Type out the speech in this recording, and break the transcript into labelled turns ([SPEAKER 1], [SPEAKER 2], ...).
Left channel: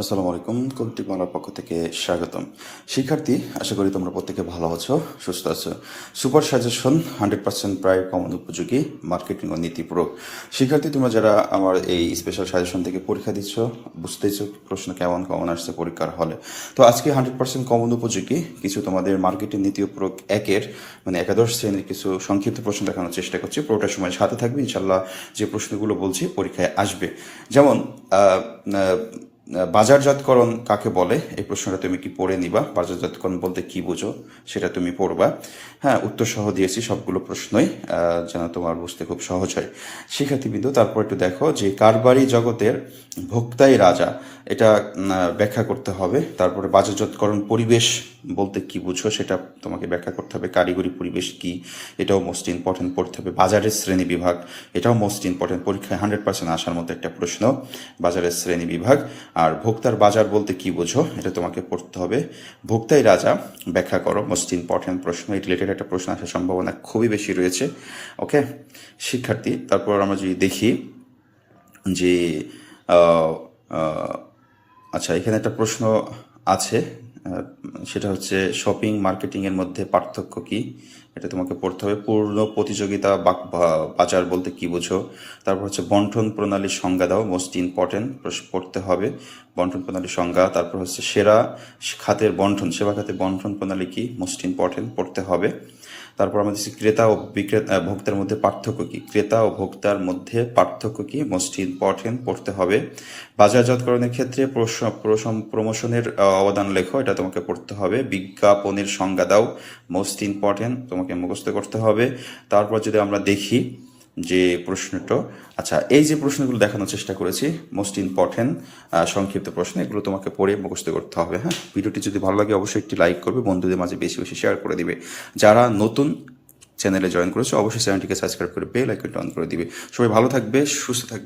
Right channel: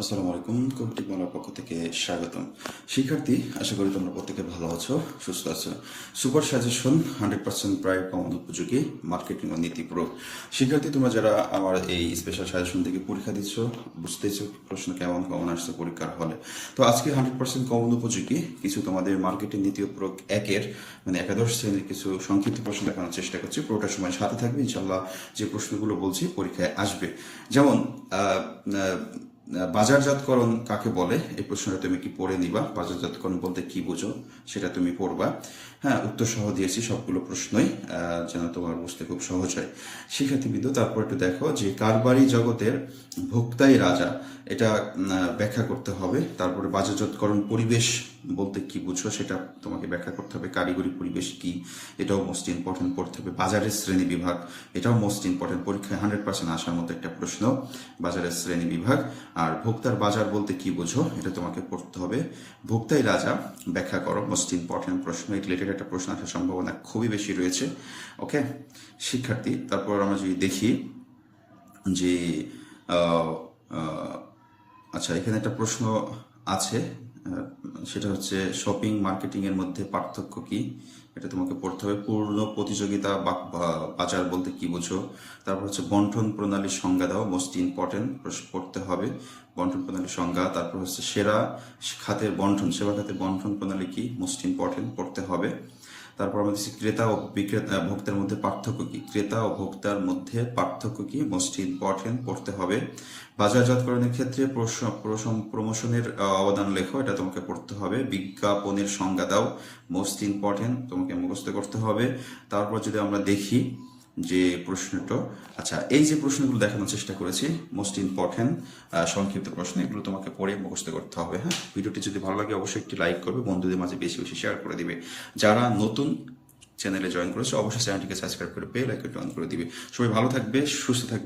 [SPEAKER 1] আসসালামু আলাইকুম কবিটি বাংলার পক্ষ থেকে স্বাগতম। শিক্ষার্থী, আশা করি তোমরা প্রত্যেকে ভালো আছো, সুস্থ আছো। সুপার সাজেশন, হান্ড্রেড পার্সেন্ট প্রায় কমন উপযোগী মার্কেটিং ও নীতিপূরক। শিক্ষার্থী, তোমরা যারা আমার এই স্পেশাল সাজেশন থেকে পরীক্ষা দিচ্ছ বুঝতেছো প্রশ্ন কেমন কমন আসছে পরীক্ষার হলে। তো আজকে হান্ড্রেড পার্সেন্ট কমন উপযোগী, কিছু তোমাদের মার্কেটিং নীতিপূরক একের মানে একাদশ শ্রেণির কিছু সংক্ষিপ্ত প্রশ্ন দেখানোর চেষ্টা করছি। পুরোটা সময় সাথে থাকবে ইনশাল্লাহ যে প্রশ্নগুলো বলছি পরীক্ষায় আসবে। যেমন বাজারজাতকরণ কাকে বলে? এই প্রশ্নটা তুমি কি পড়ে নিবা? বাজারজাতকরণ বলতে কি বুঝো? সেটা তুমি পড়বা। হ্যাঁ উত্তর সহ দিয়েছি সবগুলো প্রশ্নই যেন তোমার বুঝতে খুব সহজ হয়। শিক্ষার্থীবৃন্দ, তারপর একটু দেখো যে কারবারি জগতের ভোক্তাই রাজা, এটা ব্যাখ্যা করতে হবে। তারপরে বাজারজাতকরণ পরিবেশ বলতে কি বুঝো? সেটা তোমাকে ব্যাখ্যা করতে হবে। কারিগরি পরিবেশ কি? এটাও মোস্ট ইম্পর্টেন্ট পড়তে হবে। বাজারের শ্রেণি বিভাগ, এটাও মোস্ট ইম্পর্টেন্ট পরীক্ষায় হান্ড্রেড পার্সেন্ট আসার মতো একটা প্রশ্ন। বাজারের শ্রেণি বিভাগ আর ভোক্তার বাজার বলতে কি বোঝো, এটা তোমাকে পড়তে হবে। ভোক্তাই রাজা, ব্যাখ্যা করো মোস্ট ইম্পর্টেন্ট প্রশ্ন এই রিলেটেড একটা প্রশ্ন আসার সম্ভাবনা খুবই বেশি রয়েছে ওকে শিক্ষার্থী, তারপর আমরা যদি দেখি যে আচ্ছা এখানে একটা প্রশ্ন আছে সেটা হচ্ছে শপিং মার্কেটিং এর মধ্যে পার্থক্য কি? এটা তোমাকে পড়তে হবে। পূর্ণ প্রতিযোগিতা বাজার বলতে কি বুঝো? তারপর হচ্ছে বন্টন প্রণালীর সংজ্ঞা দাও মোস্ট ইম্পর্টেন্ট পড়তে হবে। বন্টন প্রণালীর সংজ্ঞা, তারপর হচ্ছে সেরা খাতের বন্টন, সেবা খাতের বন্টন প্রণালী কি? মোস্ট ইম্পর্টেন্ট পড়তে হবে। তারপর আমাদের ক্রেতা ও বিক্রেতা ভোক্তার মধ্যে পার্থক্য কি? ক্রেতা ও ভোক্তার মধ্যে পার্থক্য কি? মোস্ট ইম্পর্টেন্ট পড়তে হবে। বাজারজাতকরণের ক্ষেত্রে প্রমোশনের অবদান লেখো, এটা তোমাকে পড়তে হবে। বিজ্ঞাপনের সংজ্ঞা দাও মোস্ট ইম্পর্টেন্ট তোমাকে মুখস্থ করতে হবে। তারপর যদি আমরা দেখি যে প্রশ্নটা আচ্ছা এই যে প্রশ্নগুলো দেখানোর চেষ্টা করেছি মোস্ট ইম্পর্টেন্ট সংক্ষিপ্ত প্রশ্ন, এগুলো তোমাকে পড়ে মুখস্থ করতে হবে হ্যাঁ? ভিডিওটি যদি ভালো লাগে, অবশ্যই একটি লাইক করবে, বন্ধুদের মাঝে বেশি বেশি শেয়ার করে দিবে। যারা নতুন চ্যানেলে জয়েন করেছে, অবশ্যই চ্যানেলটিকে সাবস্ক্রাইব করে বেল আইকনটা অন করে দিবে। সবাই ভালো থাকবে, সুস্থ থাকবে।